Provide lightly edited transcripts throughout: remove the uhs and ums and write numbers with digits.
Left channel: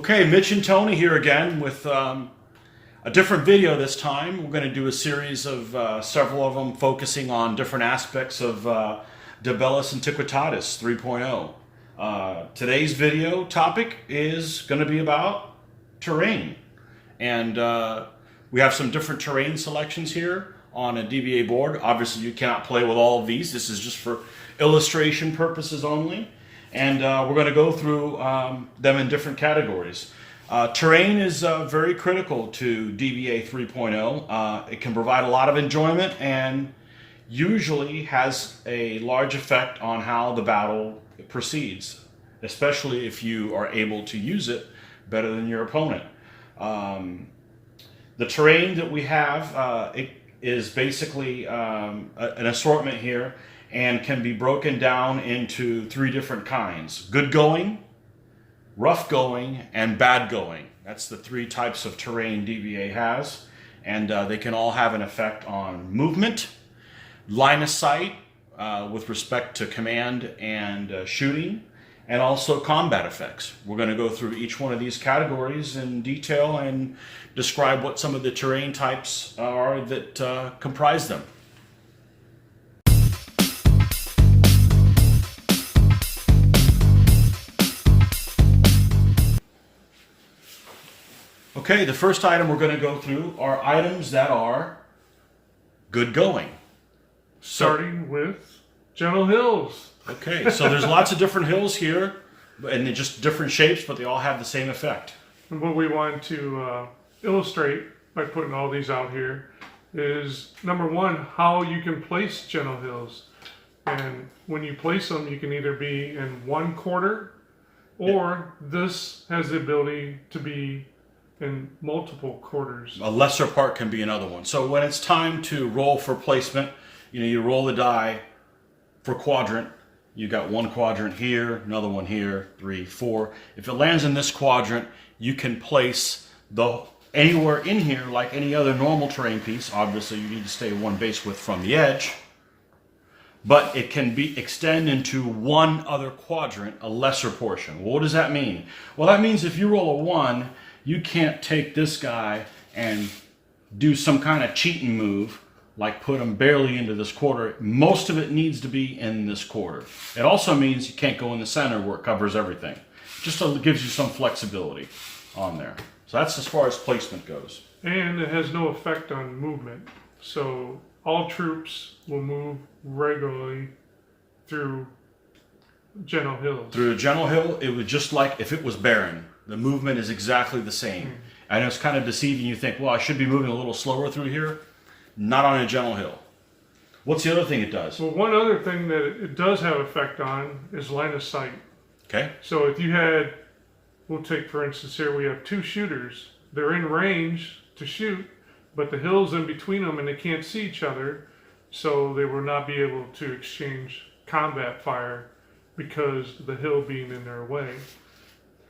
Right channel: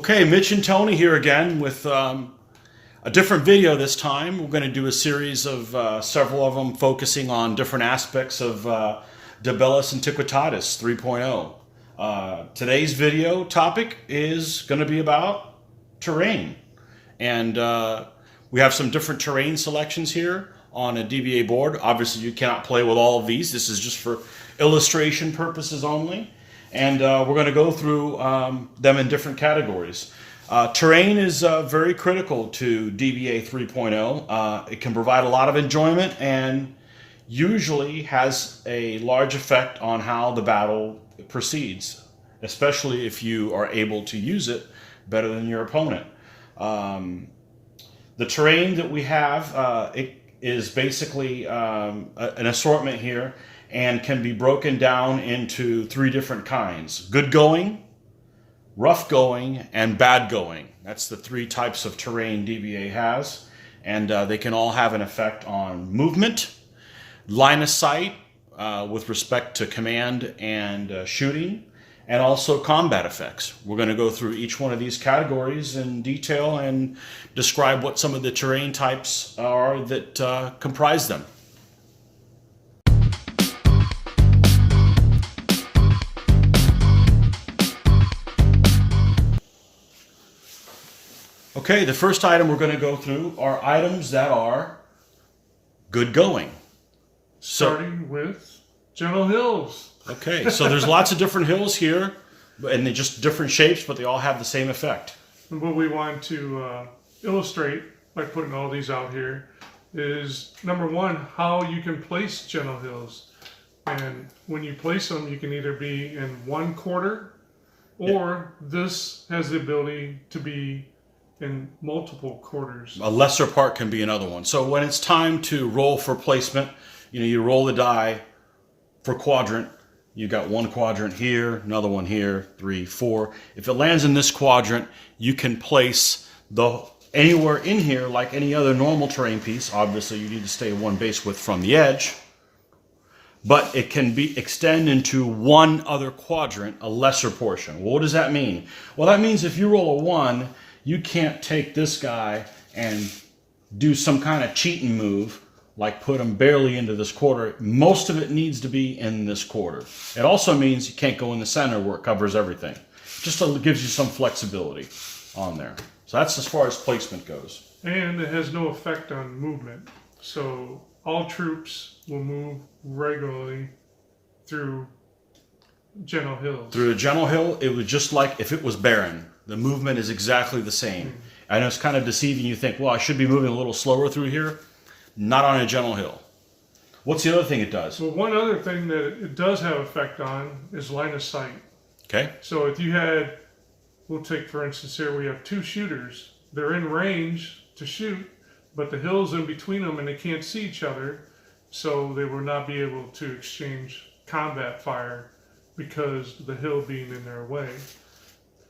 Okay, Mitch and Tony here again with a different video this time. We're going to do a series of several of them focusing on different aspects of Bellis Antiquitatis 3.0. Today's video topic is going to be about terrain. And we have some different terrain selections here on a DBA board. Obviously, you cannot play with all of these. This is just for illustration purposes only. And we're going to go through them in different categories. Terrain is very critical to DBA 3.0. It can provide a lot of enjoyment and usually has a large effect on how the battle proceeds, especially if you are able to use it better than your opponent. The terrain that we have, it is basically an assortment here, and can be broken down into three different kinds: good going, rough going, and bad going. That's the three types of terrain DBA has, and they can all have an effect on movement, line of sight with respect to command and shooting, and also combat effects. We're going to go through each one of these categories in detail and describe what some of the terrain types are that comprise them. Okay, the first item we're going to go through are items that are good going. Starting with gentle hills. Okay, so there's lots of different hills here, and they're just different shapes, but they all have the same effect. And what we want to illustrate by putting all these out here is, number one, how you can place gentle hills. And when you place them, you can either be in one quarter, or this has the ability to be in multiple quarters. A lesser part can be another one. So when it's time to roll for placement, you roll the die for quadrant. You got one quadrant here, another one here, 3, 4. If it lands in this quadrant, you can place anywhere in here like any other normal terrain piece. Obviously, you need to stay one base width from the edge. But it can extend into one other quadrant, a lesser portion. Well, what does that mean? Well, that means if you roll a 1, you can't take this guy and do some kind of cheating move, like put him barely into this quarter. Most of it needs to be in this quarter. It also means you can't go in the center where it covers everything. Just gives you some flexibility on there. So that's as far as placement goes. And it has no effect on movement. So all troops will move regularly through gentle hills. Through a gentle hill, it would just like if it was barren. The movement is exactly the same. And it's kind of deceiving. You think, well, I should be moving a little slower through here. Not on a gentle hill. What's the other thing it does? Well, one other thing that it does have effect on is line of sight. Okay. So if you had, we'll take for instance here, we have two shooters. They're in range to shoot, but the hill's in between them and they can't see each other. So they will not be able to exchange combat fire because the hill being in their way.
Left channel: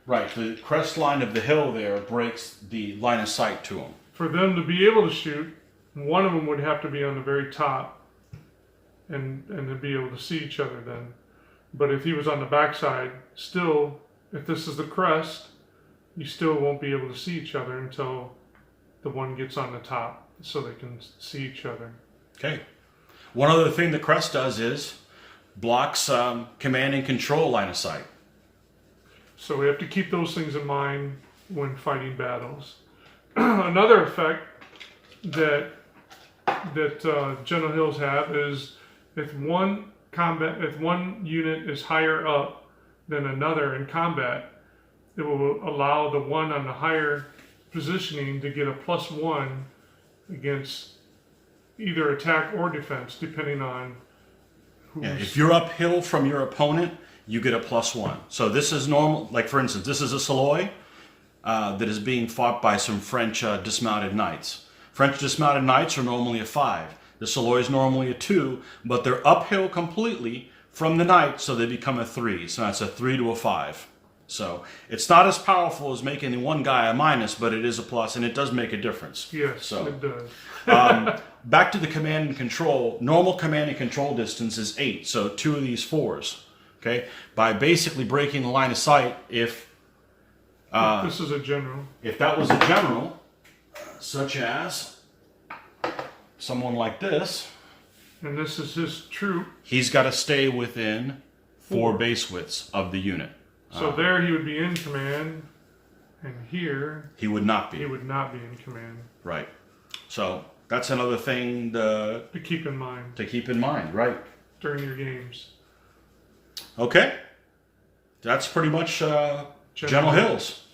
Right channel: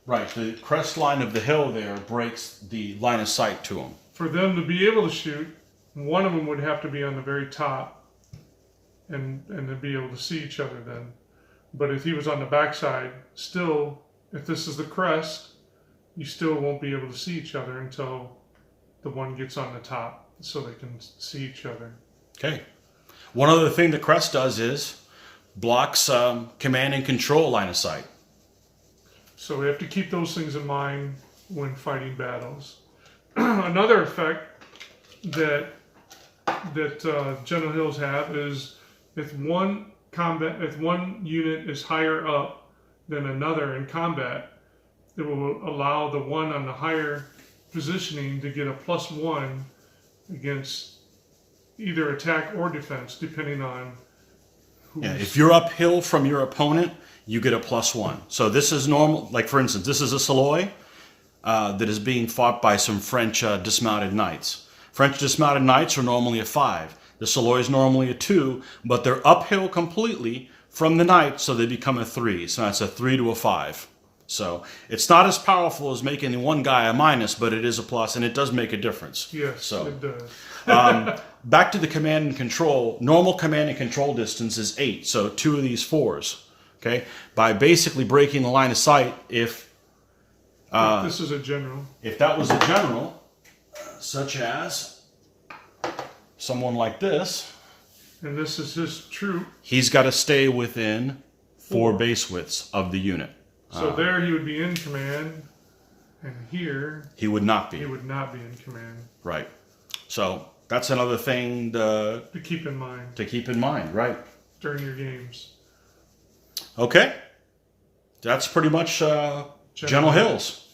Right, the crest line of the hill there breaks the line of sight to them. For them to be able to shoot, one of them would have to be on the very top and to be able to see each other then. But if he was on the backside, still, if this is the crest, you still won't be able to see each other until the one gets on the top so they can see each other. Okay. One other thing the crest does is blocks command and control line of sight. So we have to keep those things in mind when fighting battles. Another effect that gentle hills have is if one unit is higher up than another in combat, it will allow the one on the higher positioning to get a +1 against either attack or defense, depending on who's... Yeah, if you're uphill from your opponent, you get a +1. So this is normal. Like, for instance, this is a Saloy that is being fought by some French dismounted knights. French dismounted knights are normally a 5. The Saloy is normally a 2, but they're uphill completely from the knight, so they become a 3. So that's a 3 to a 5. So it's not as powerful as making the one guy a minus, but it is a plus, and it does make a difference. Yes, so, it does. Back to the command and control. Normal command and control distance is 8, so 2 of these 4s. Okay, by basically breaking the line of sight, if This is a general. If that was a general, such as someone like this, and this is his troop, he's got to stay within 4 base widths of the unit. So there he would be in command, and here he would not be. He would not be in command. Right. So that's another thing to keep in mind. To keep in mind, right? During your games. Okay. That's pretty much General Hills.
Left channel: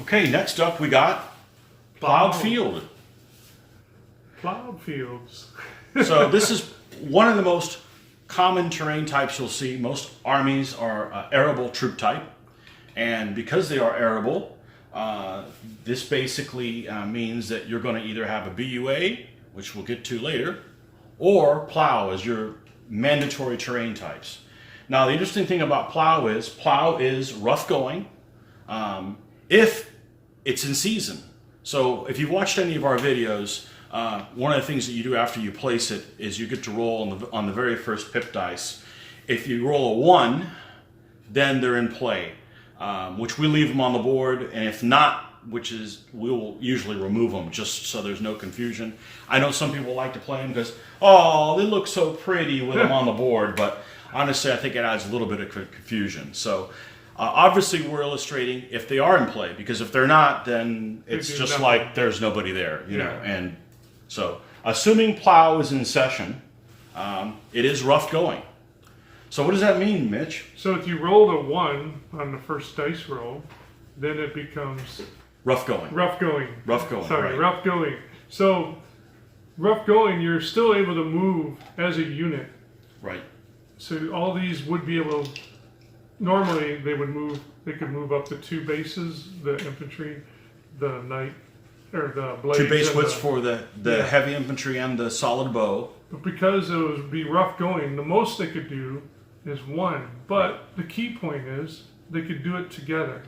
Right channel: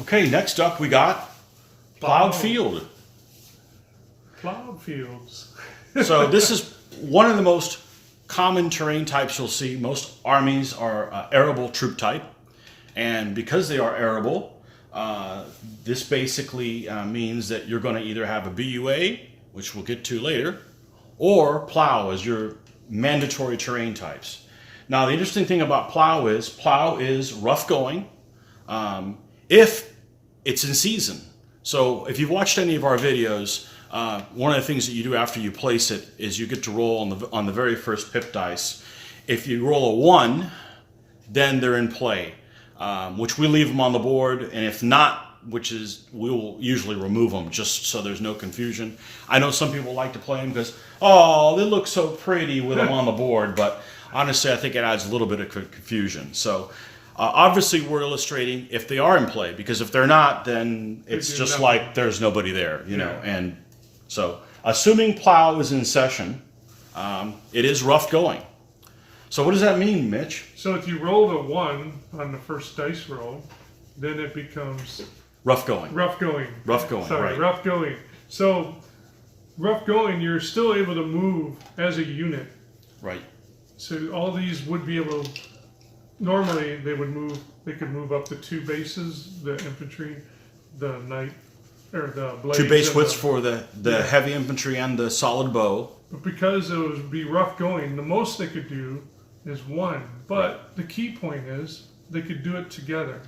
Okay, next up we got Plowed Field. Plowed fields. So this is one of the most common terrain types you'll see. Most armies are arable troop type. And because they are arable, this basically means that you're going to either have a BUA, which we'll get to later, or Plough as your mandatory terrain types. Now, the interesting thing about Plough is rough going if it's in season. So if you've watched any of our videos, one of the things that you do after you place it is you get to roll on the very first pip dice. If you roll a 1, then they're in play, which we leave them on the board, and if not, we'll usually remove them just so there's no confusion. I know some people like to play them because, oh, they look so pretty with them on the board, but honestly, I think it adds a little bit of confusion. So obviously we're illustrating if they are in play, because if they're not, then it's just nothing. Like there's nobody there, you know. And so assuming Plough is in session, it is rough going. So what does that mean, Mitch? So if you rolled a 1 on the first dice roll, then it becomes rough going. Rough going. Rough going. Sorry, right. Rough going. So rough going, you're still able to move as a unit. Right. So all these would be able to, normally they could move up to 2 bases, the infantry, the knight, or the blades. 2 base widths for the heavy infantry and the solid bow. But because it would be rough going, the most they could do is 1. But the key point is they could do it together,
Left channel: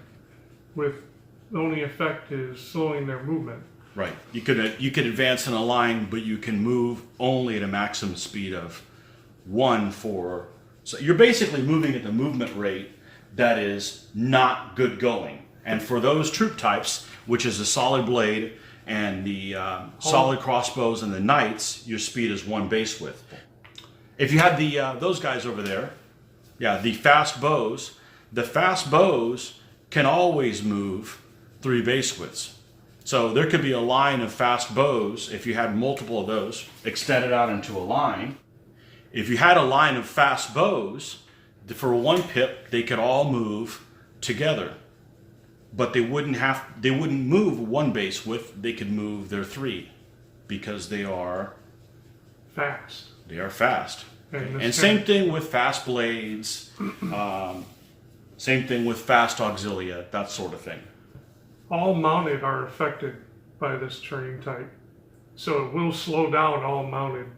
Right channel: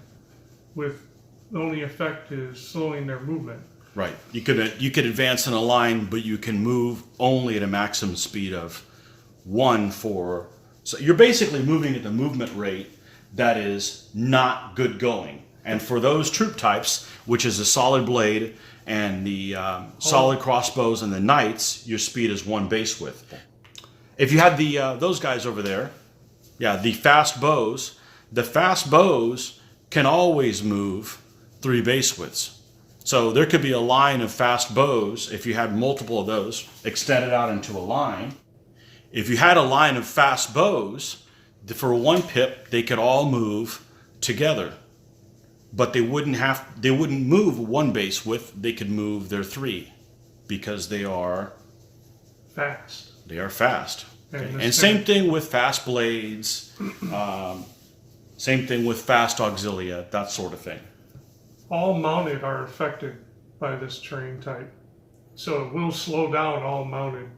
with the only effect is slowing their movement. Right. You could advance in a line, but you can move only at a maximum speed of 1 for. So you're basically moving at the movement rate that is not good going. And for those troop types, which is a solid blade and the solid crossbows and the knights, your speed is 1 base width. If you had those guys over there, the fast bows can always move 3 base widths. So there could be a line of fast bows, if you had multiple of those, extended out into a line. If you had a line of fast bows, for 1 pip, they could all move together. But they wouldn't move 1 base width, they could move their 3, because they are fast. They are fast. And same thing with fast blades, same thing with fast auxilia, that sort of thing. All mounted are affected by this terrain type. So it will slow down all mounted.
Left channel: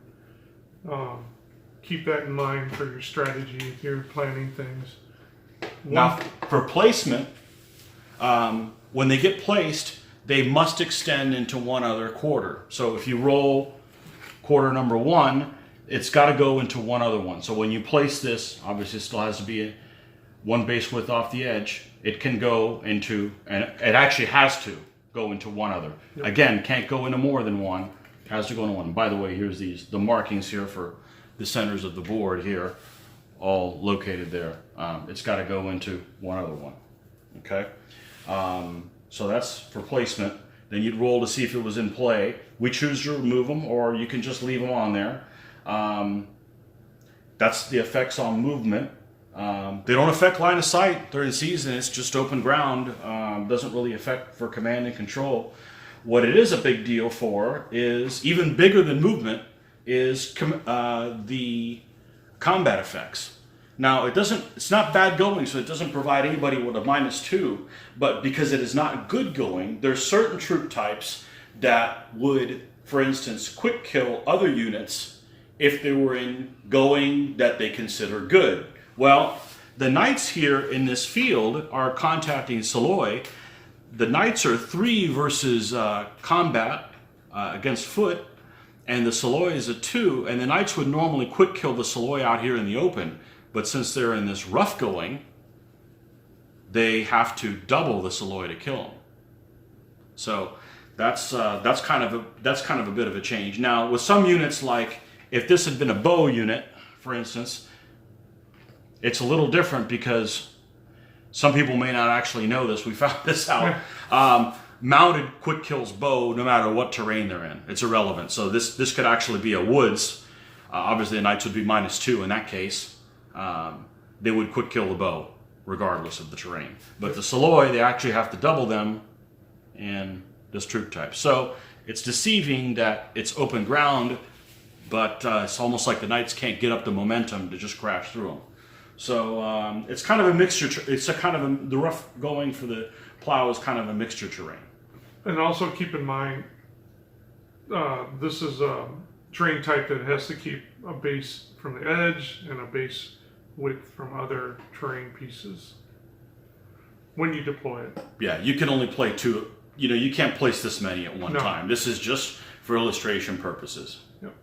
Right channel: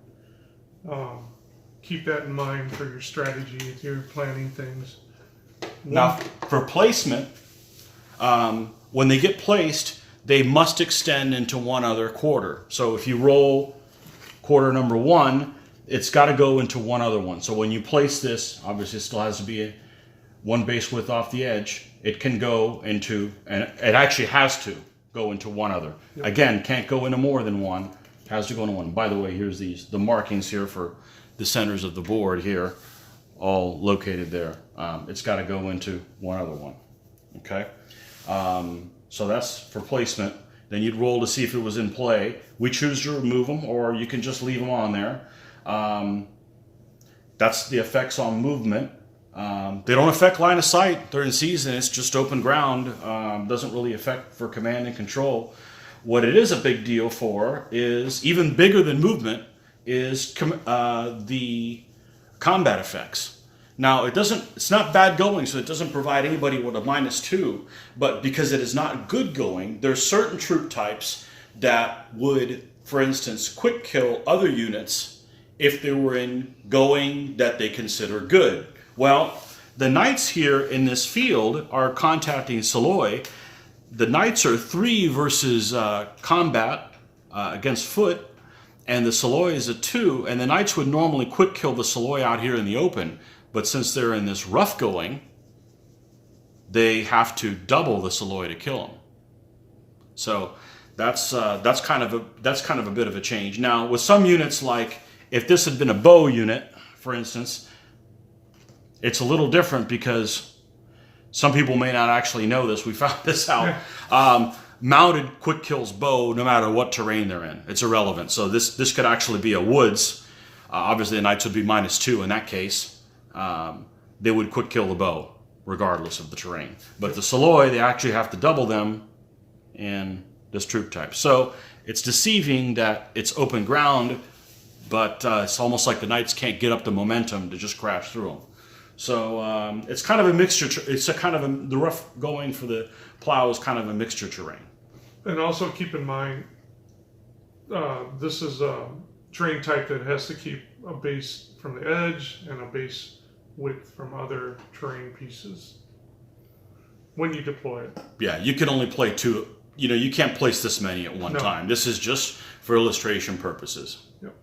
Keep that in mind for your strategy if you're planning things. Now, for placement, when they get placed, they must extend into one other quarter. So if you roll quarter number 1, it's got to go into one other one. So when you place this, obviously it still has to be 1 base width off the edge. It can go into, and it actually has to go into one other. Yep. Again, can't go into more than 1. It has to go into 1. By the way, here's the markings here for the centers of the board here, all located there. It's got to go into one other one. Okay. So that's for placement. Then you'd roll to see if it was in play. We choose to remove them, or you can just leave them on there. That's the effects on movement. They don't affect line of sight. They're in season. It's just open ground. Doesn't really affect for command and control. What it is a big deal for is, even bigger than movement, is the combat effects. Now, it's not bad going, so it doesn't provide anybody with a -2, but because it is not good going, there's certain troop types that would, for instance, quick kill other units if they were in going that they consider good. Well, the knights here in this field are contacting Saloy. The knights are 3 versus combat against foot, and the Soloi is a 2, and the Knights would normally quick kill the Soloi out here in the open, but since they're in this rough going, they have to double the Soloi to kill them. So that's kind of a bit of a change. Now with some units, like if this had been a bow unit, for instance, it's a little different because some people may not actually know this. We found this out. Mounted quick kills bow no matter what terrain they're in. It's irrelevant. So this could actually be a woods. Obviously the Knights would be -2 in that case. They would quick kill the bow regardless of the terrain. But the Soloi, they actually have to double them in this troop type. So it's deceiving that it's open ground, but it's almost like the Knights can't get up the momentum to just crash through them. So it's kind of a mixture. It's a kind of the rough going for the Plough is kind of a mixture terrain. And also keep in mind, this is a terrain type that has to keep a base from the edge and a base width from other terrain pieces when you deploy it. Yeah, you can only play 2. You know, you can't place this many at one time. This is just for illustration purposes. Yep.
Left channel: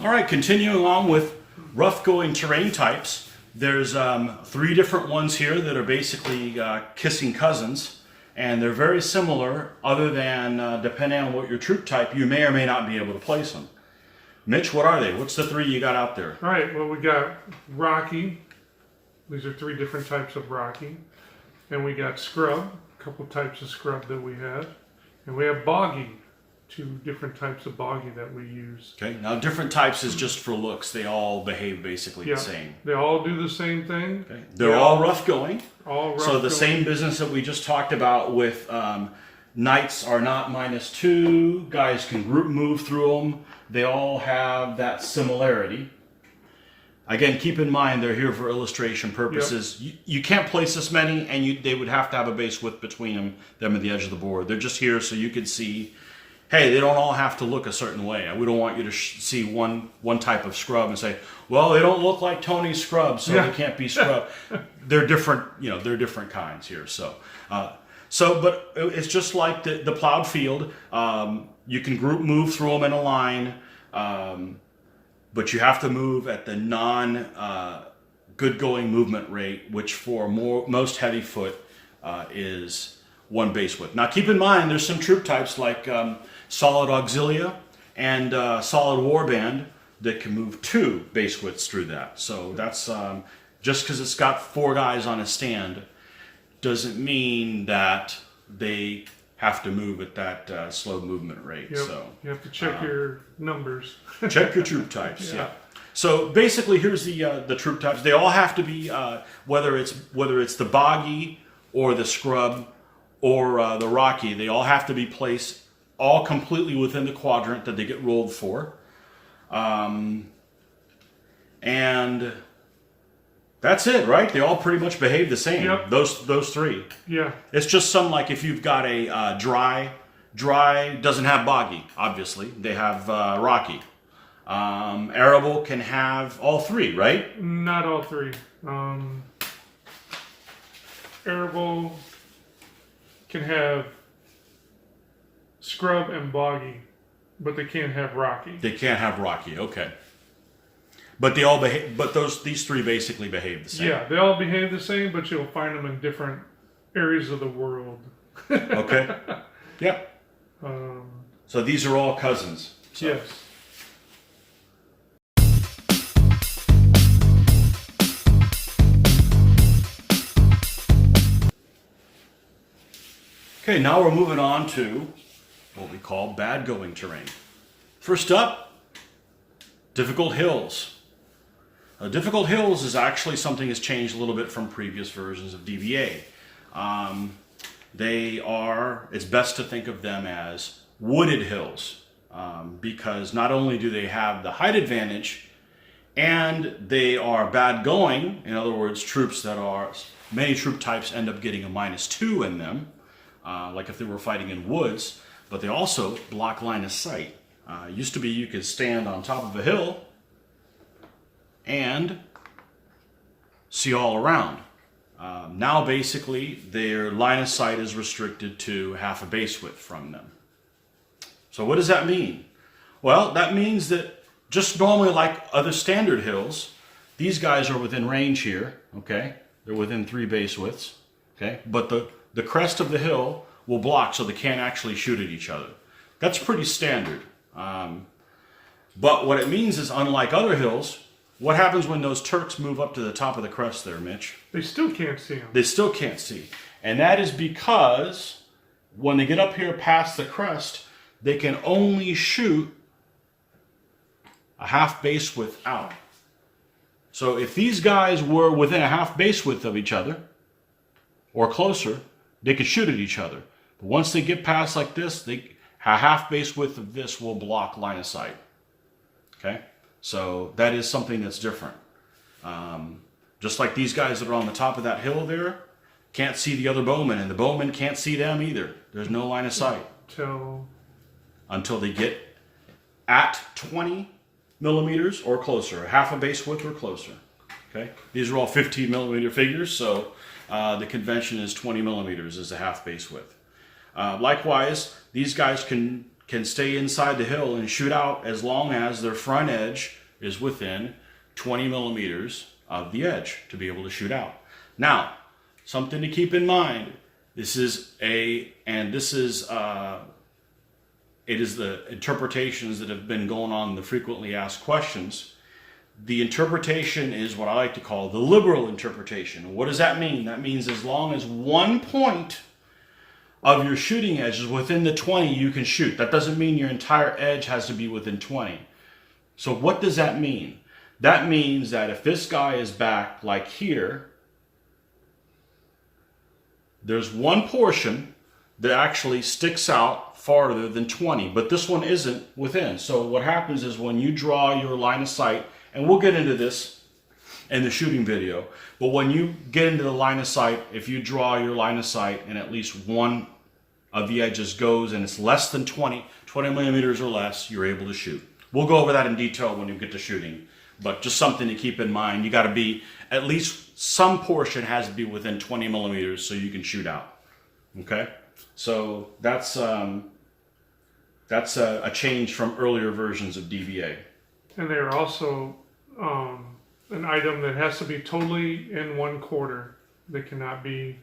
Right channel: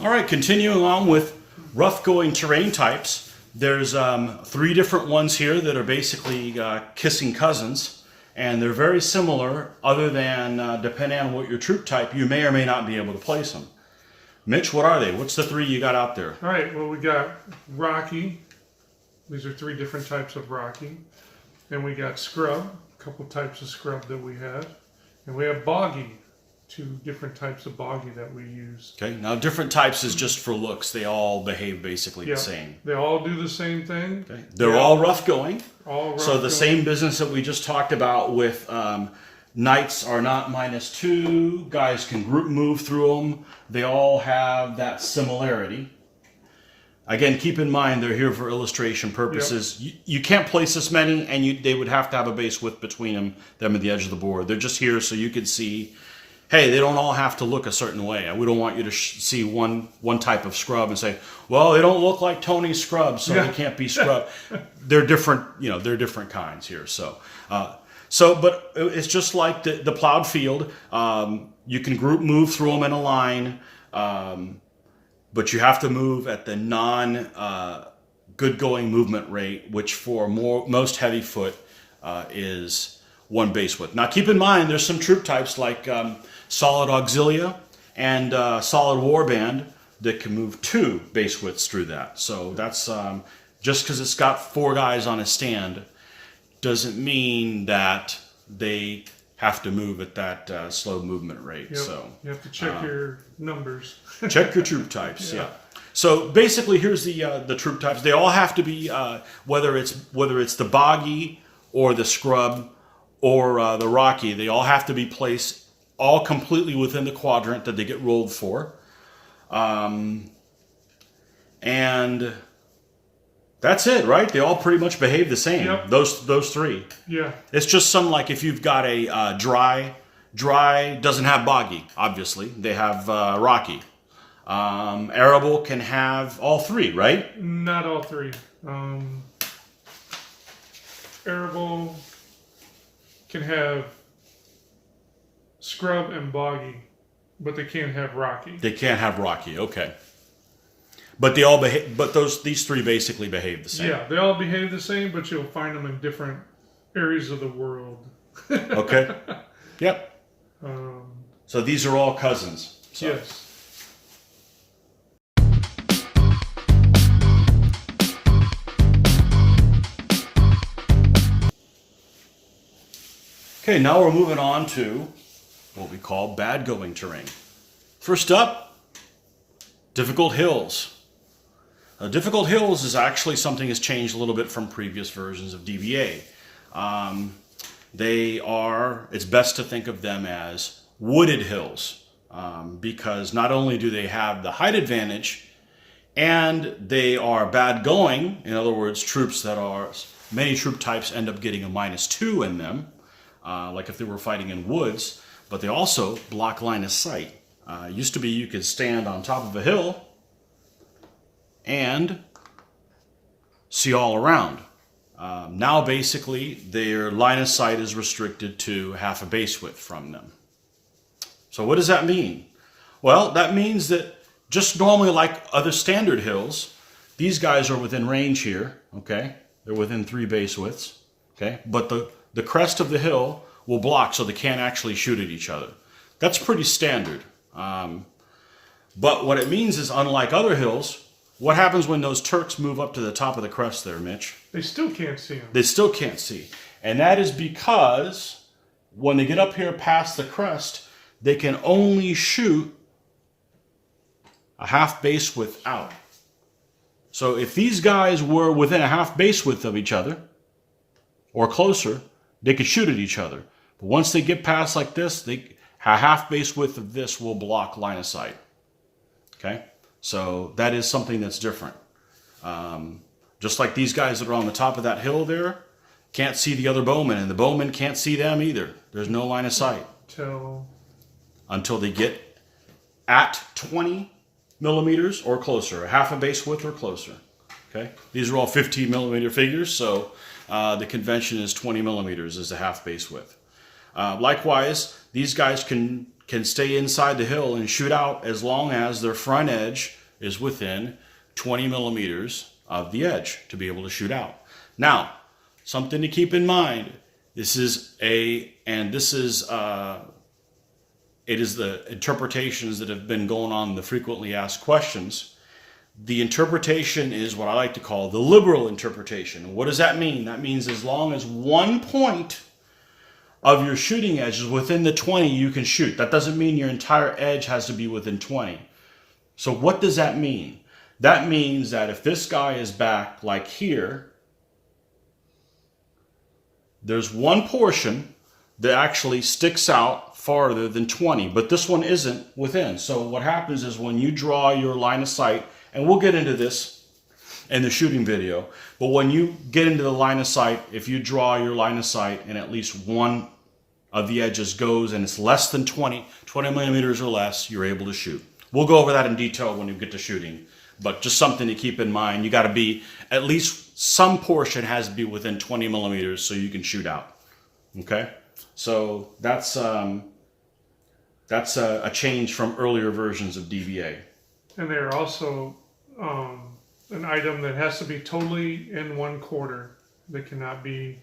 All right, continuing on with rough going terrain types. There's 3 different ones here that are basically kissing cousins. And they're very similar, other than depending on what your troop type, you may or may not be able to place them. Mitch, what are they? What's the 3 you got out there? All right, well, we got Rocky. These are 3 different types of Rocky. And we got Scrub, a couple types of Scrub that we have. And we have Boggy, 2 different types of Boggy that we use. Okay, now different types is just for looks. They all behave basically the same. They all do the same thing. Okay. They're all rough going. All rough so the going. same business that we just talked about with Knights are not -2. Guys can group move through them. They all have that similarity. Again, keep in mind they're here for illustration purposes. Yep. You can't place this many, and they would have to have a base width between them and the edge of the board. They're just here so you can see, hey, they don't all have to look a certain way. We don't want you to see one type of scrub and say, well, they don't look like Tony's scrub, so they can't be scrub. They're different, they're different kinds here. But it's just like the plowed field. You can group move through them in a line, but you have to move at the good going movement rate, which for most heavy foot is 1 base width. Now keep in mind, there's some troop types like solid auxilia and solid warband that can move 2 base widths through that. So that's just because it's got 4 guys on a stand doesn't mean that they have to move at that slow movement rate. Yep. So you have to check your numbers. Check your troop types. Yeah. So basically, here's the troop types. They all have to be whether it's the Boggy or the Scrub or the Rocky. They all have to be placed all completely within the quadrant that they get rolled for, and that's it, right? They all pretty much behave the same. Yep. Those 3. Yeah. It's just some, like if you've got a dry doesn't have Boggy, obviously. They have Rocky. Arable can have all 3, right? Not all 3. Arable can have Scrub and Boggy, but they can't have Rocky. They can't have Rocky, okay. But they all behave. But these 3 basically behave the same. Yeah, they all behave the same, but you'll find them in different areas of the world. Okay. Yep. So these are all cousins. So. Yes. Okay, now we're moving on to what we call bad going terrain. First up, difficult hills. Difficult hills is actually something that's changed a little bit from previous versions of DBA. It's best to think of them as wooded hills, because not only do they have the height advantage, and they are bad going. In other words, many troop types end up getting a -2 in them, like if they were fighting in woods, but they also block line of sight. It used to be you could stand on top of a hill and see all around. Now basically their line of sight is restricted to half a base width from them. So what does that mean? Well, that means that just normally like other standard hills, these guys are within range here, okay? They're within 3 base widths, okay? But the crest of the hill will block so they can't actually shoot at each other. That's pretty standard. But what it means is, unlike other hills, what happens when those Turks move up to the top of the crest there, Mitch? They still can't see them. They still can't see. And that is because when they get up here past the crest, they can only shoot a half base width out. So if these guys were within a half base width of each other, or closer, they could shoot at each other. But once they get past like this, a half base width of this will block line of sight. Okay? So that is something that's different. Just like these guys that are on the top of that hill there can't see the other bowmen, and the bowmen can't see them either. There's no line of sight. Until they get at 20 millimeters or closer, a half a base width or closer. Okay? These are all 15 millimeter figures, so the convention is 20 millimeters as a half base width. Likewise, these guys can stay inside the hill and shoot out as long as their front edge is within 20 millimeters of the edge to be able to shoot out. Now, something to keep in mind, it is the interpretations that have been going on in the frequently asked questions. The interpretation is what I like to call the liberal interpretation. What does that mean? That means as long as one point of your shooting edge is within the 20, you can shoot. That doesn't mean your entire edge has to be within 20. So what does that mean? That means that if this guy is back like here, there's one portion that actually sticks out farther than 20, but this one isn't within. So what happens is when you draw your line of sight, and we'll get into this in the shooting video, but when you get into the line of sight, if you draw your line of sight and at least one of the edges goes and it's less than 20 millimeters or less, you're able to shoot. We'll go over that in detail when we get to shooting, but just something to keep in mind. You got to be, at least some portion has to be within 20 millimeters so you can shoot out. Okay? So that's a change from earlier versions of DBA. And they are also an item that has to be totally in one quarter. They cannot be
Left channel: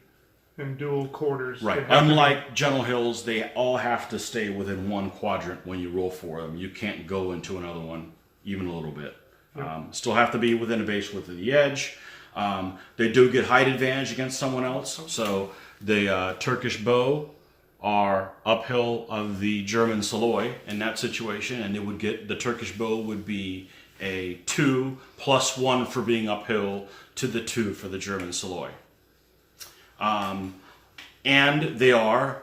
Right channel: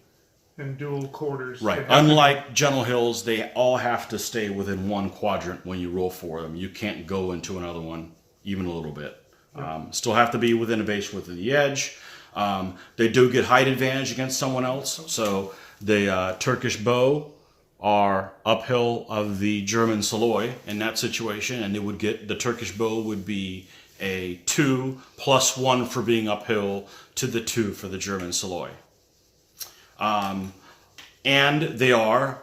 in dual quarters. Right. Unlike gentle hills, they all have to stay within one quadrant when you roll for them. You can't go into another one even a little bit. Yep. Still have to be within a base width of the edge. They do get height advantage against someone else. So the Turkish bow are uphill of the German Saloy in that situation, and the Turkish bow would be a 2 plus 1 for being uphill to the 2 for the German Saloy. And they are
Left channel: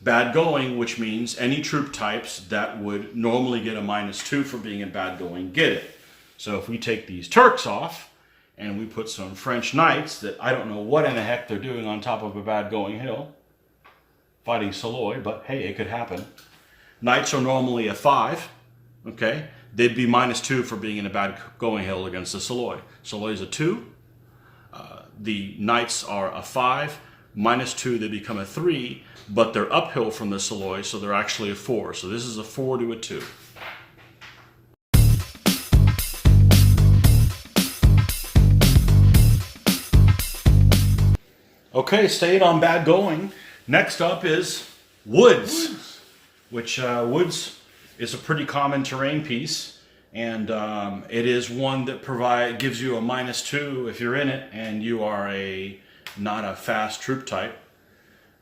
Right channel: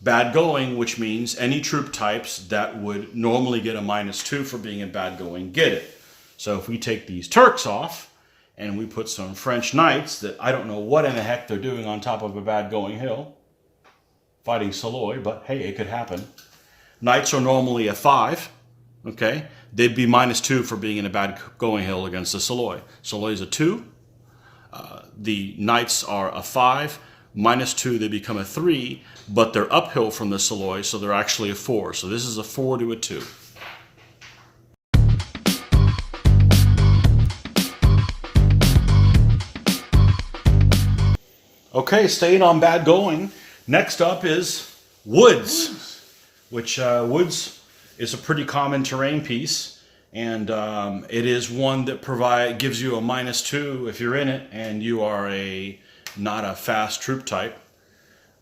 bad going, which means any troop types that would normally get a -2 for being in bad going get it. So if we take these Turks off and we put some French knights that I don't know what in the heck they're doing on top of a bad going hill, fighting Saloy, but hey, it could happen. Knights are normally a 5, okay? They'd be -2 for being in a bad going hill against the Saloy. Saloy's a 2. The Knights are a 5. -2, they become a 3, but they're uphill from the Saloy, so they're actually a 4. So this is a 4 to a 2. Okay, staying on bad going. Next up is woods. Which woods is a pretty common terrain piece, and it is one that gives you a -2 if you're in it and you are not a fast troop type.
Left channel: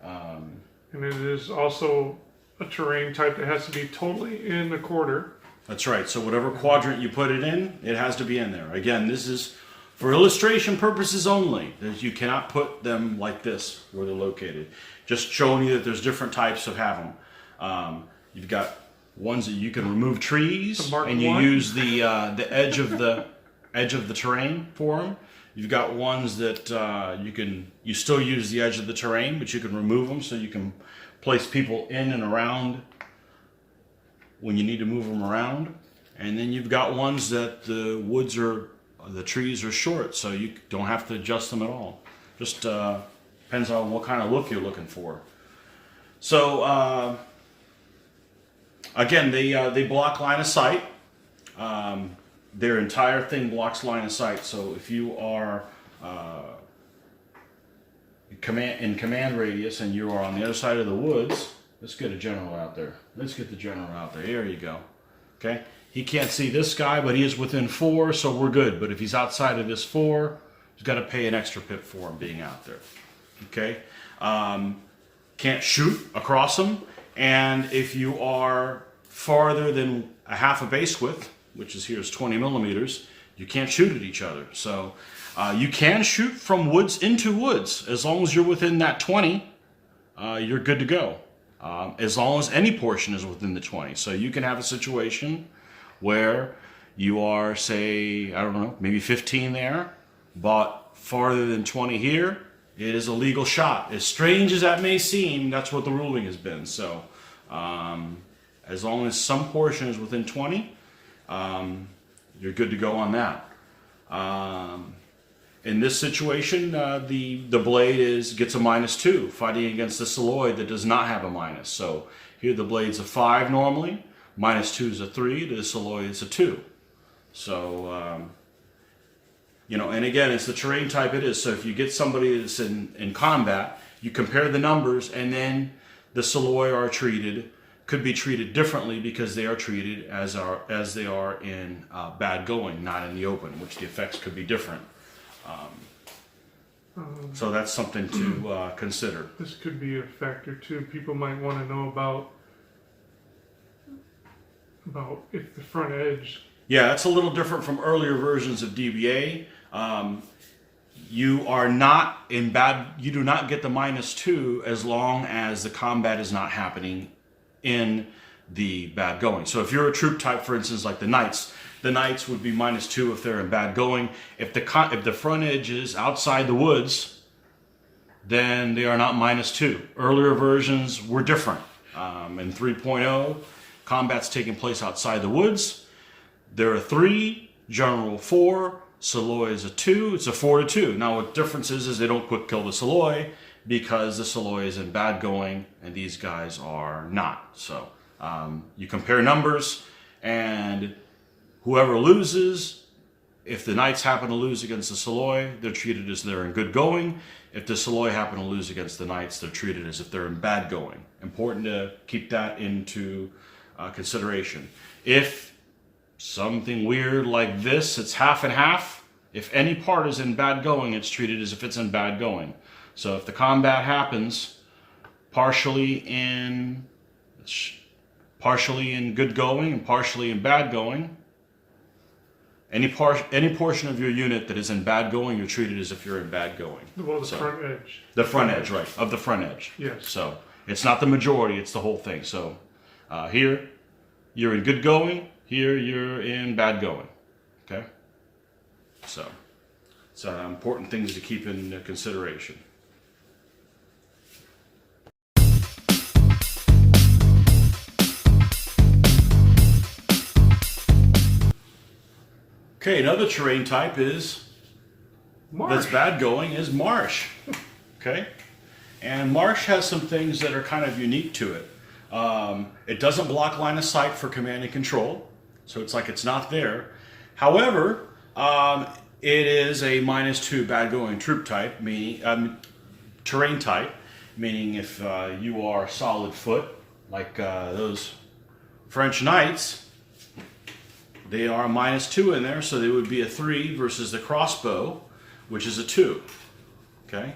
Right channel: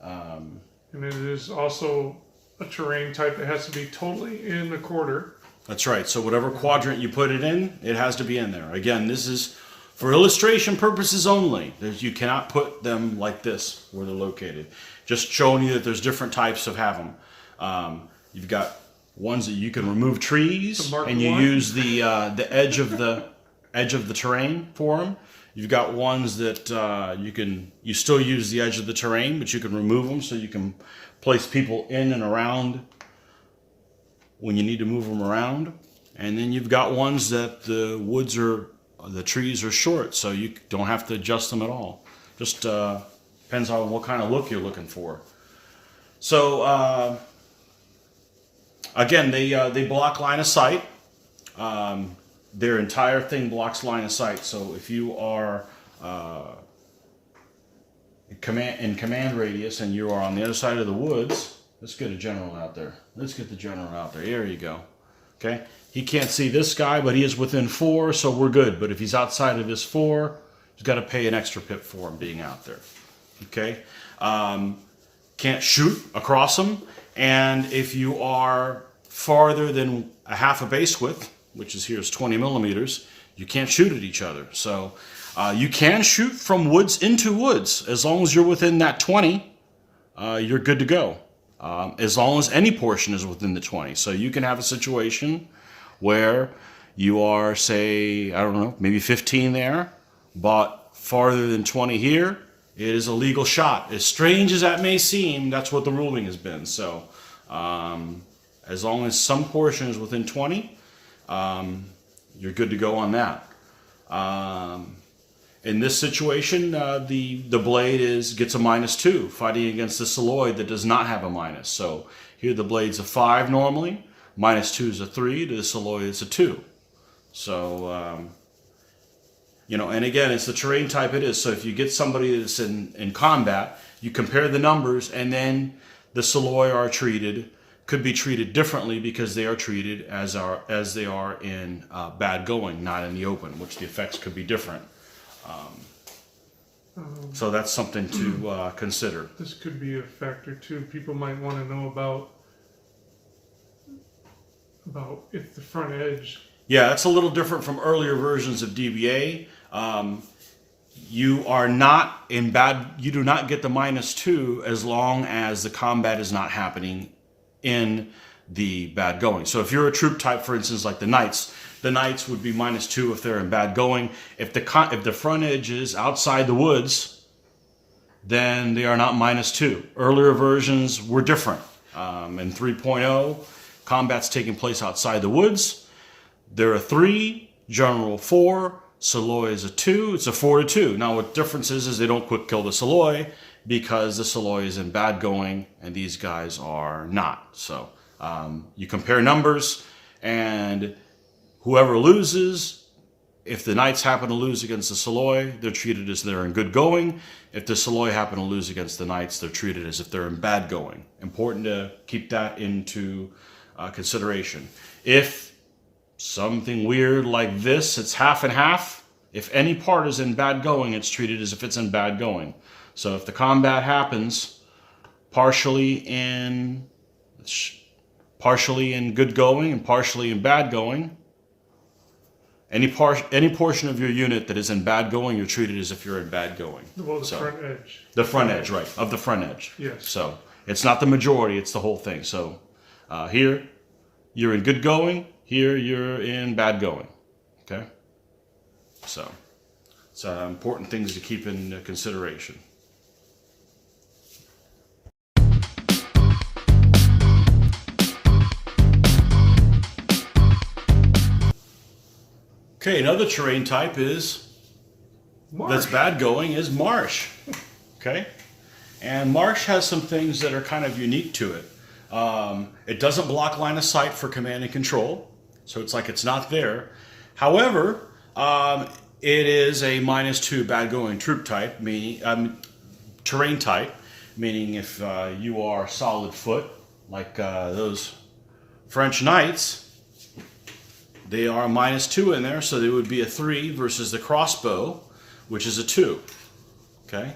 And it is also a terrain type that has to be totally in the quarter. That's right. So whatever quadrant you put it in, it has to be in there. Again, this is for illustration purposes only. You cannot put them like this where they're located. Just showing you that there's different types of have them. You've got ones that you can remove trees and you use the edge of the terrain for them. You've got ones that you still use the edge of the terrain, but you can remove them so you can place people in and around when you need to move them around. And then you've got ones that the woods are the trees are short, so you don't have to adjust them at all. Just depends on what kind of look you're looking for. So again, they block line of sight. Their entire thing blocks line of sight. So if you are in command radius and you are on the other side of the woods, let's get a general out there. Let's get the general out there. Here you go. Okay. He can't see this guy, but he is within 4, so we're good. But if he's outside of this 4, he's got to pay an extra pip for him being out there. Okay. Can't shoot across him. And if you are farther than a half a base width, which is here is 20 millimeters, you can't shoot at each other. So you can shoot from woods into woods. As long as you're within that 20, you're good to go. As long as any portion is within the 20. So you can have a situation where you are, say, I don't know, maybe 15 there, but farther than 20 here, it is a legal shot. As strange as that may seem, that's what the ruling has been. So as long as some portion is within 20, you're good to go on that. In this situation, the blade gets a -2, fighting against the Psilloid that does not have a minus. So here the blade's a 5 normally, -2 is a 3, the Psilloid is a 2. So, and again, it's the terrain type it is. So if you get somebody that's in combat, you compare the numbers, and then the Psilloid could be treated differently because they are treated as they are in bad going, not in the open, which the effects could be different. So that's something to consider. This could be a factor too. People might want to know about if the front edge. Yeah, that's a little different from earlier versions of DBA. You are not in bad. You do not get the -2 as long as the combat is not happening in the bad going. So if you're a troop type, for instance, like the Knights would be -2 if they're in bad going. If the front edge is outside the woods, then they are not -2. Earlier versions were different. In 3.0, combat's taking place outside the woods. They're a 3, general 4, Psilloid is a 2. It's a 4-2. Now what difference is they don't quick kill the Psilloid because the Psilloid is in bad going and these guys are not. So you compare numbers, and whoever loses, if the Knights happen to lose against the Psilloid, they're treated as they're in good going. If the Psilloid happen to lose against the Knights, they're treated as if they're in bad going. Important to keep that into consideration. If something weird like this, it's half and half. If any part is in bad going, it's treated as if it's in bad going. So if the combat happens partially in good going and partially in bad going, any portion of your unit that is in bad going, you're treated as if you're in bad going. Well, front edge. The front edge, right, of the front edge. Yes. So it's not the majority, it's the whole thing. So here, you're in good going. Here, you're in bad going. Okay? So it's important things to keep in consideration. Okay, another terrain type is Marsh. that's bad going is Marsh. Okay, and Marsh has some things that are kind of unique to it. It doesn't block line of sight for command and control, so it's like it's not there. However, it is a -2 bad going troop type, meaning terrain type, meaning if you are solid foot like those French Knights. They are a -2 in there, so they would be a 3 versus the crossbow, which is a 2. Okay,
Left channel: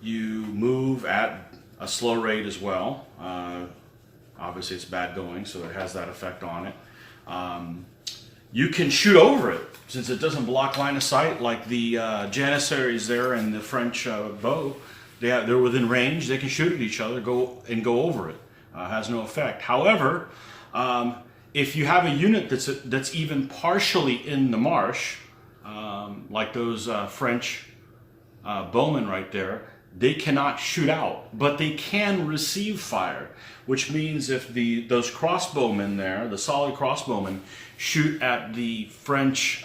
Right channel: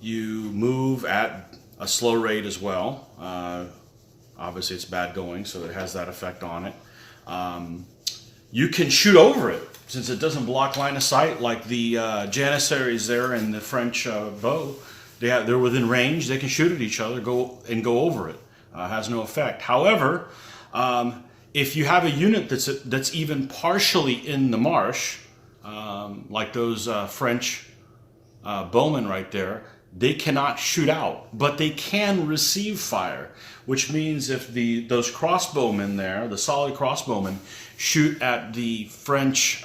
you move at a slow rate as well. Obviously, it's bad going, so it has that effect on it. You can shoot over it since it doesn't block line of sight, like the Janissaries there and the French bow. They're within range. They can shoot at each other, go over it. Has no effect. However, if you have a unit that's even partially in the marsh, like those French bowmen right there, they cannot shoot out, but they can receive fire, which means if those crossbowmen there, the solid crossbowmen, shoot at the French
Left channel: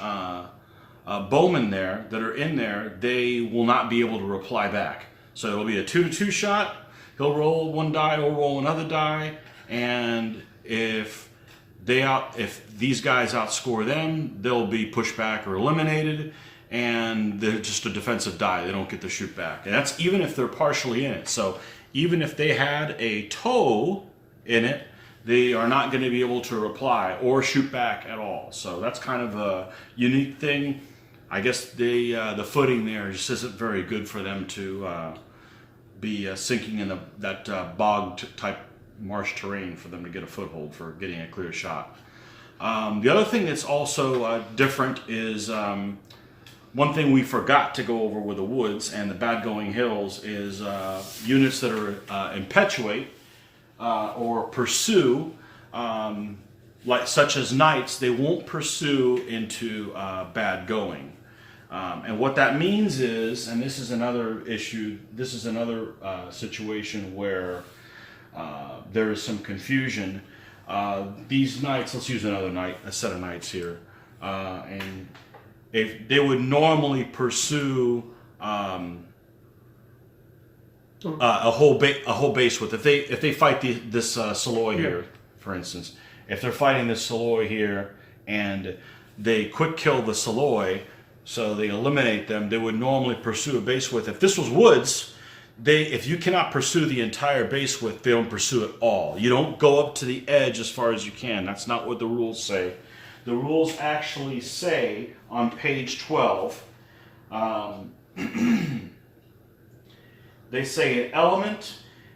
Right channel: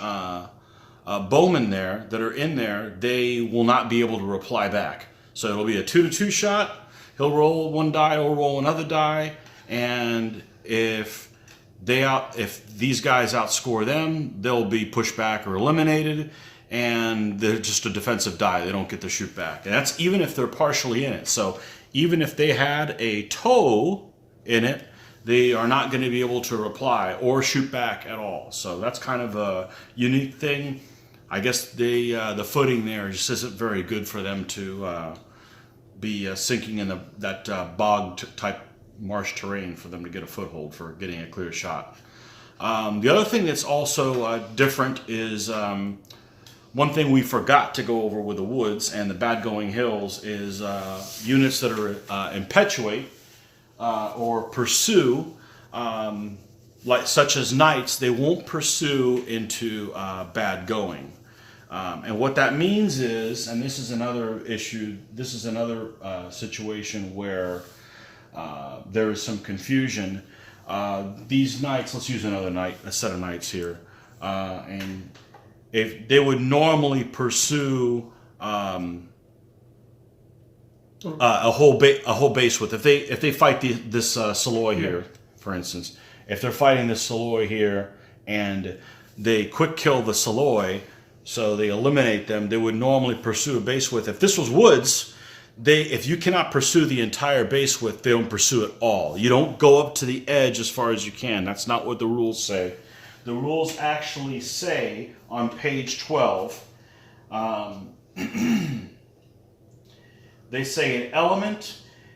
bowmen there that are in there, they will not be able to reply back. So it'll be a 2-2 shot. He'll roll one die, he'll roll another die, and if these guys outscore them, they'll be pushed back or eliminated, and they're just a defensive die. They don't get to shoot back. And that's even if they're partially in it. So even if they had a toe in it, they are not going to be able to reply or shoot back at all. So that's kind of a unique thing. I guess the footing there just isn't very good for them to be sinking in that bog-type marsh terrain for them to get a foothold for getting a clear shot. The other thing that's also different is one thing we forgot to go over with the woods and the bad going hills is units that are impetuate or pursue, such as knights. They won't pursue into bad going. And what that means is, and this is another issue, this is another situation where there is some confusion. These knights, let's use a set of knights here, and if they would normally pursue a whole base width. If they fight this Saloy here, for instance, if they're fighting this Saloy here and they quick kill the Saloy, so they eliminate them, they would normally pursue a base width. If this was woods, if you cannot pursue the entire base width, they don't pursue it all. You don't go up to the edge as far as you can. That's not what the rules say. The rules actually say on page 12, they say an element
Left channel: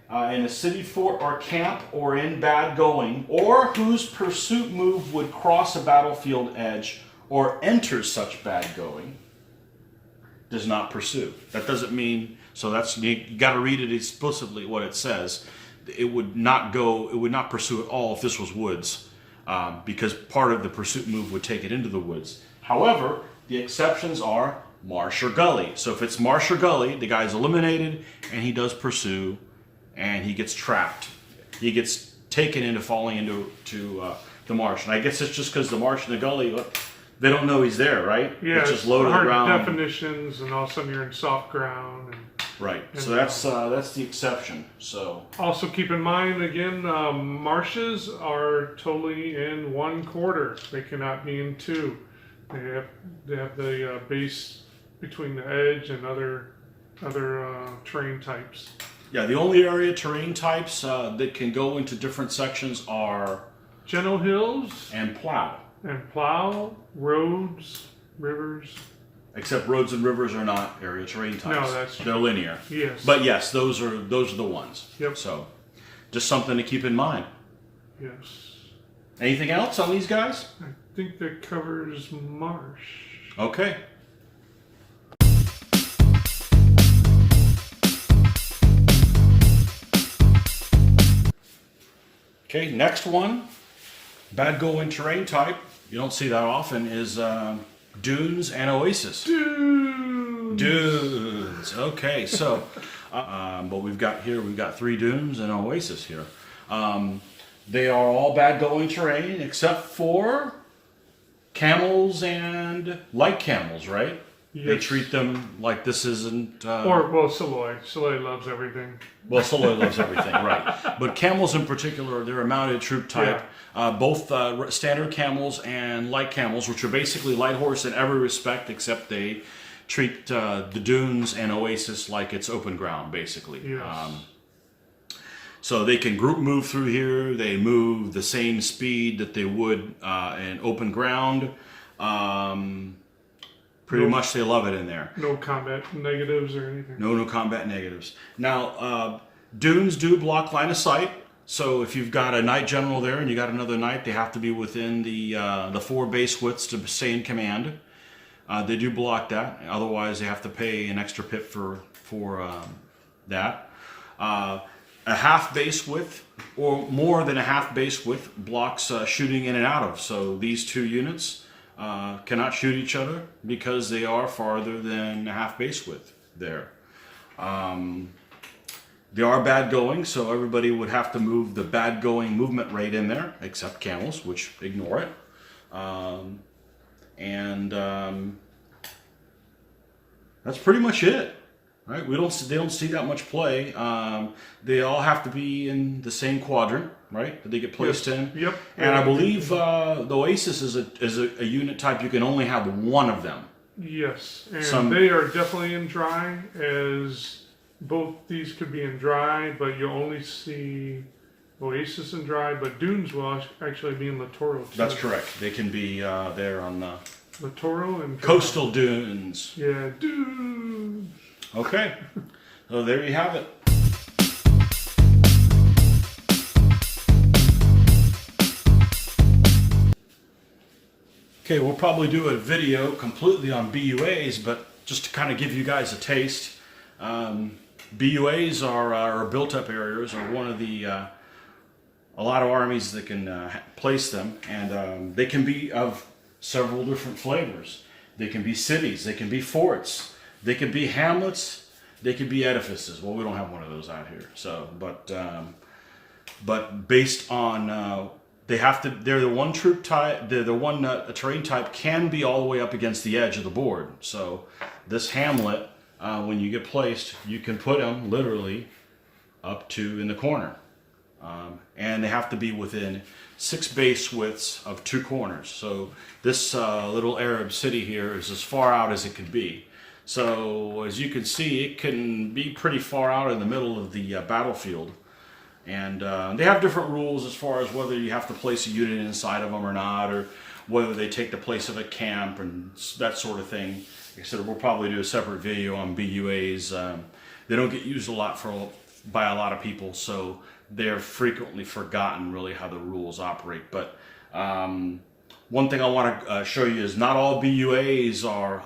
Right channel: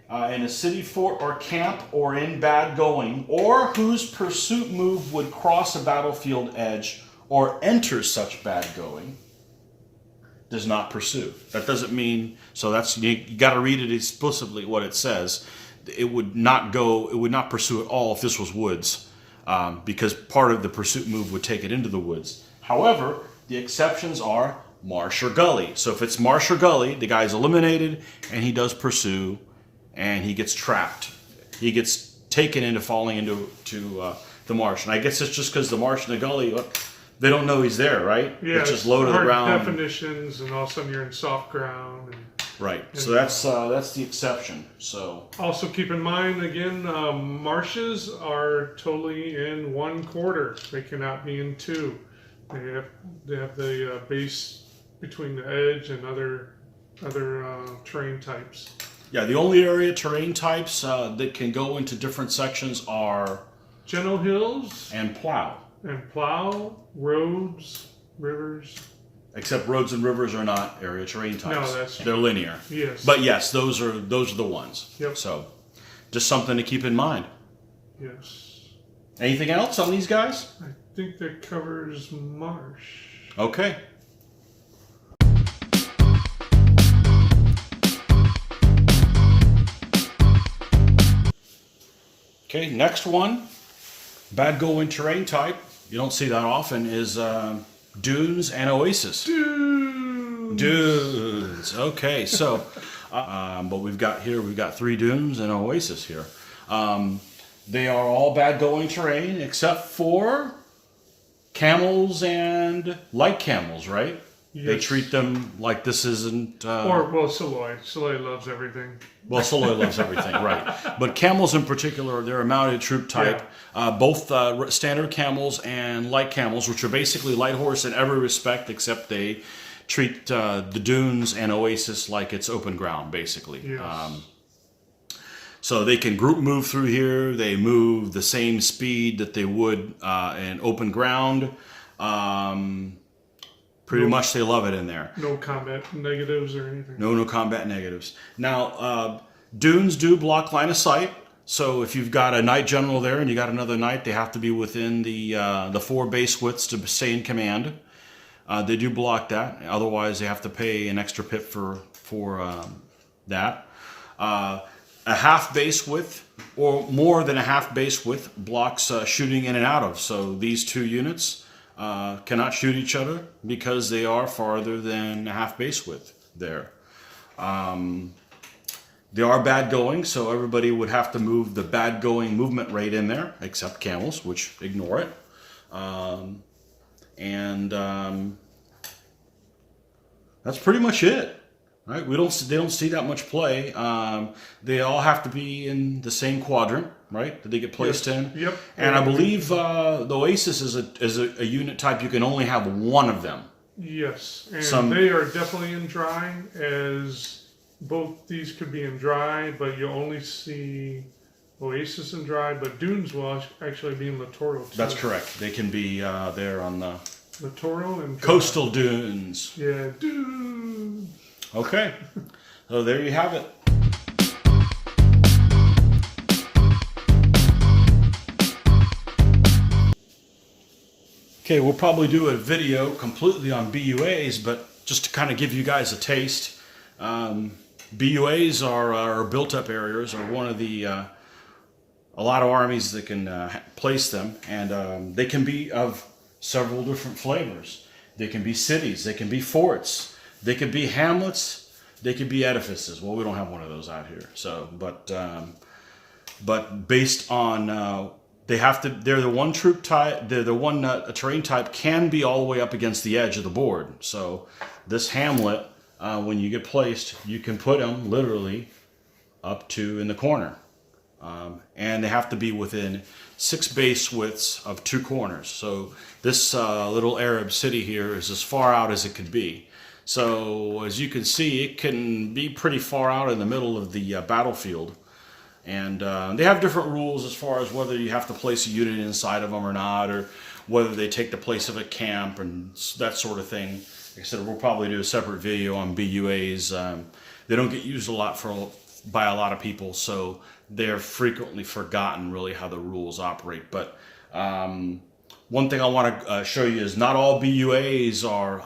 in a city, fort, or camp, or in bad going, or whose pursuit move would cross a battlefield edge or enter such bad going, does not pursue. That doesn't mean, so that's, you got to read it explicitly what it says. It would not pursue at all if this was woods. Because part of the pursuit move would take it into the woods. However, the exceptions are Marsh or Gully. So if it's Marsh or Gully, the guy's eliminated and he does pursue and he gets trapped. He gets taken into falling into the marsh. And I guess it's just because the Marsh and the Gully, they don't know he's there, right? Yeah, it's just low to the hard ground. definitions, and all of a sudden you're in soft ground. Right. So that's the exception. So also keep in mind again, marshes are totally in 1/4. They cannot be in 2. They have the base between the edge and other terrain types. yeah, the only area terrain types that can go into different sections are Gentle Hills and Plough. and Plough, roads, rivers. Except roads and rivers are not area terrain types. No, that's they're linear. Yes. But yes, those are the ones. Yep. So, just something to keep in mind. Yes. Anything else on these guys? I think that covers Marsh. Okay. Okay, next one. Bad going terrain type. You don't see that often is dunes and Oasis. Dunes. Okay, so but we've got 3 dunes and an Oasis here. They are all bad going terrain except for camels and light camels, right? Yes. They treat them like this isn't... Saloy. Saloy loves everything. Well, Saloy loves everything, right. But camels in particular, they're a mounted troop type. Yeah. Both standard camels and light camels, which are basically light horse in every respect, except they treat the dunes and Oasis like it's open ground, basically. Yes. So they can group move through here. They move the same speed that they would in open ground. Pretty much they love it in there. No combat negatives or anything. No combat negatives. Now, dunes do block line of sight. So if you've got a knight general there and you got another knight, they have to be within the 4 base widths to stay in command. They do block that. Otherwise, they have to pay an extra pip for that. A half base width or more than a half base width blocks shooting in and out of. So these 2 units cannot shoot each other because they are farther than a half base width there. They are bad going, so everybody would have to move the bad going movement rate in there, except camels, which ignore it. That's pretty much it, right? They don't see that much play. They all have to be in the same quadrant, right? That they get placed in. Yep. And I believe the Oasis is a unit type. You can only have one of them. Yes, and they are definitely in dry, as both these could be in dry, but you only see Oasis in dry, but Dunes will actually be in littoral too. That's correct. They can be there on the littoral and dry. Coastal dunes. Yeah, dunes. Okay, so there you have it. Okay, we'll probably do a video completely on BUAs, but just to kind of give you guys a taste, BUAs are built-up areas, are one of the a lot of armies that can place them, and they can be of several different flavors. They can be cities, they can be forts, they can be hamlets, they can be edifices. Well, we don't have one of those out here, so but based on they're the one troop type, they're the one terrain type can be all the way up against the edge of the board. So this hamlet, when you get placed, you can put them literally up to in the corner. And they have to be within 6 base widths of 2 corners. So this little Arab city here is as far out as it could be. So as you can see, it can be pretty far out in the middle of the battlefield. And they have different rules as far as whether you have to place a unit inside of them or not, or whether they take the place of a camp and that sort of thing. Like I said, we'll probably do a separate video on BUAs. They don't get used a lot by a lot of people, so they're frequently forgotten really how the rules operate. But one thing I want to show you is not all BUAs are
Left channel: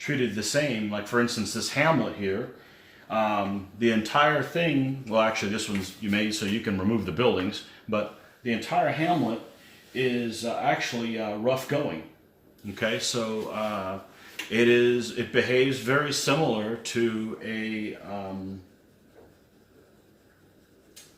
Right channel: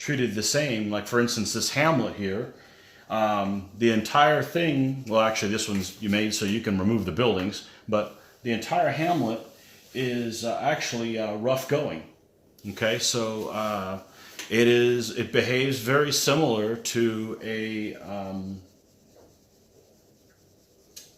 treated the same. Like for instance, this hamlet here. The entire thing, well actually this one's you made so you can remove the buildings, but the entire hamlet is actually rough going. Okay, so it behaves very similar to a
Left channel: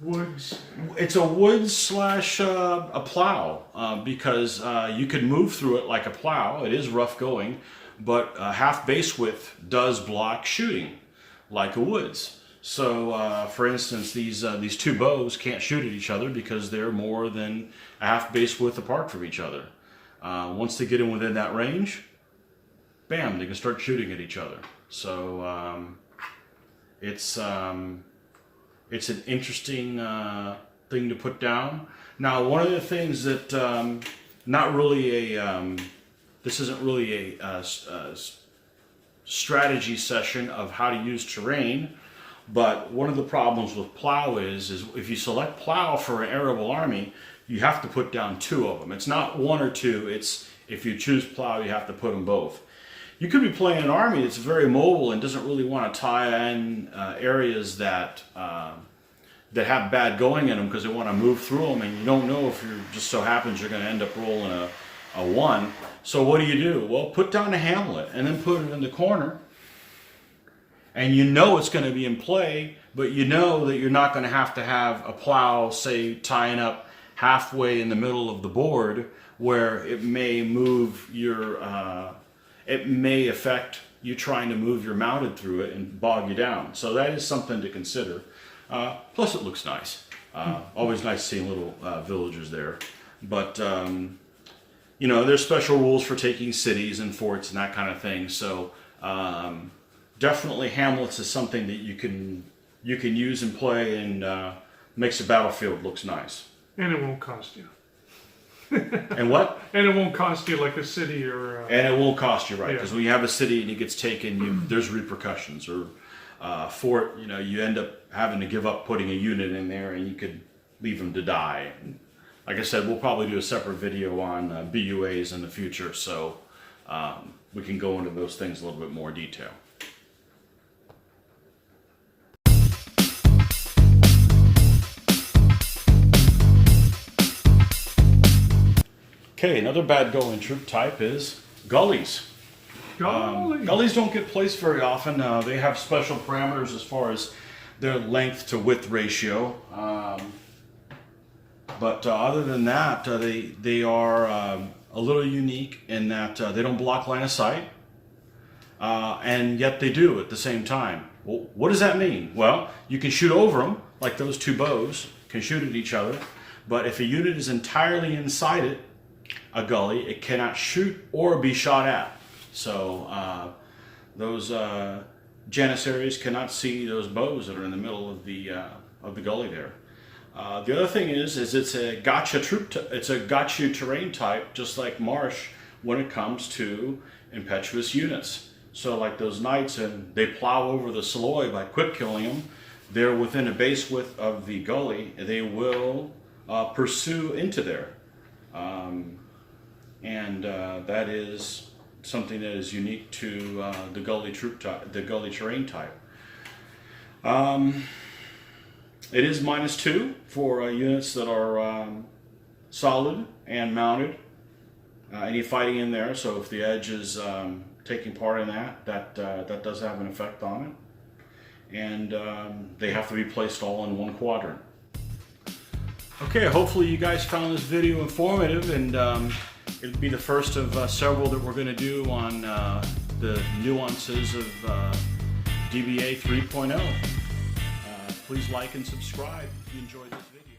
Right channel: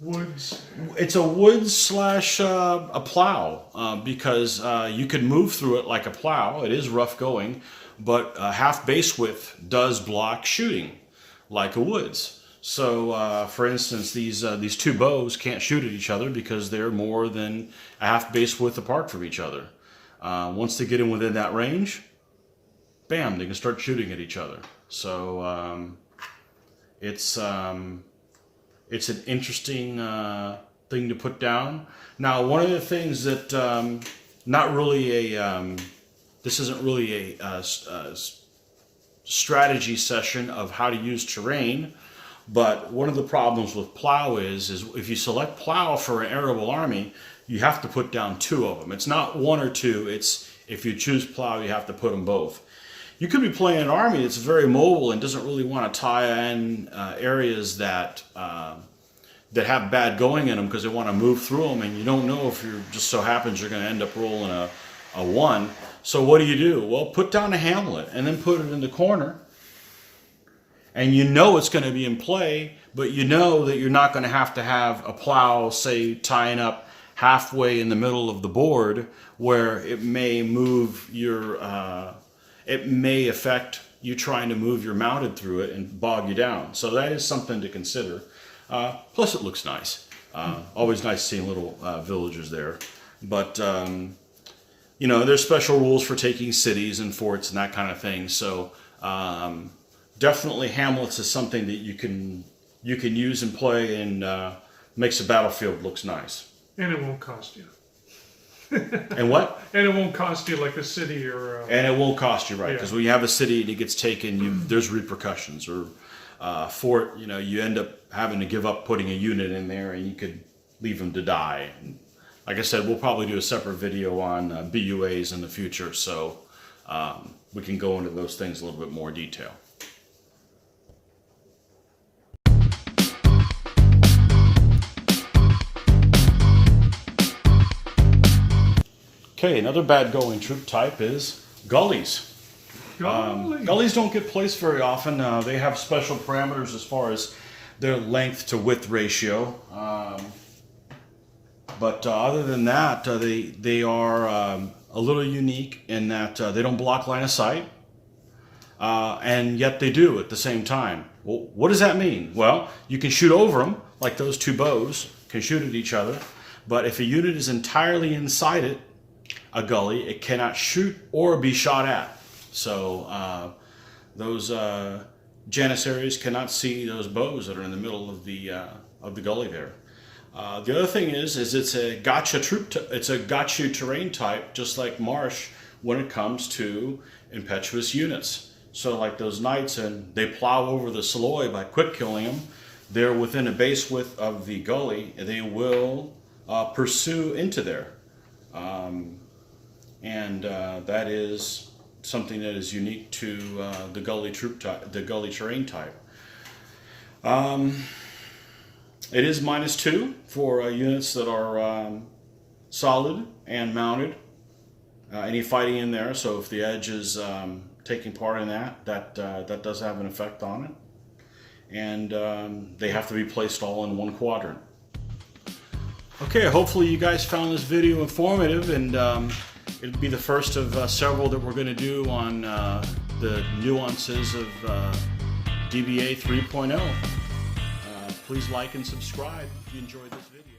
woods. It's a woods slash a plow, because you can move through it like a plow. It is rough going, but half base width does block shooting like a woods. So for instance, these 2 bows can't shoot at each other because they're more than a half base width apart from each other. Once they get in within that range, bam, they can start shooting at each other. So it's an interesting thing to put down. Now, one of the things that this isn't really a strategy session of how to use terrain, but one of the problems with Plough is if you select Plough for an arable army, you have to put down 2 of them. It's not 1 or 2, it's if you choose Plough, you have to put them both. You could be playing an army that's very mobile and doesn't really want to tie in areas that have bad going in them because they want to move through them, and you don't know if you're just so happens you're going to end up rolling a 1. So what do? Well, put down a hamlet and then put it in the corner, and you know it's going to be in play, but you know that you're not going to have a plow, say, tying up halfway in the middle of the board where it may move it may affect you trying to move your mounted through it and bog you down. So that is something to consider. Plus it looks nice. Always nice seeing little villagers there. But you know, there's special rules for taking cities and forts and that kind of thing. So definitely hamlets is something that you can use and play, and makes the battlefield looks nice. And it won't cost you. And what? And it won't cost you like a city or... and it won't cost you, right? Because when you have a city and it gets taken, there's repercussions. Or fort, you know, you end up having to give up putting a unit in there, and you could leave them to die. Like I said, we'll probably do a separate video on BUAs in the future, so we can go into those things in a little bit more detail. Okay, another bad going troop type is Gullies. Gullies don't get placed very often. They have special parameters as far as their length to width ratio. But other than that, they are a little unique in that they don't block line of sight. And yet they do at the same time. Well, what does that mean? Well, you can shoot over them, like those two bows can shoot at each other. But if a unit is entirely inside it, a gully, it cannot shoot or be shot at. So those janissaries cannot see those bows that are in the middle of the gully there. The other thing is it's a gotcha it's a gotcha terrain type, just like Marsh when it comes to impetuous units. So like those knights, and they plow over the Saloy by quick killing them. They're within a base width of the gully, and they will pursue into there. That is something that is unique to the gully the gully terrain type. It is -2 for units that are solid and mounted. Any fighting in there, so if the edge is taking part in that does have an effect on it. And they have to be placed all in one quadrant. Okay, hopefully you guys found this video informative, and it'll be the first of several that we're going to do on the nuances of DBA 3.0. Please like and subscribe if you enjoyed this video.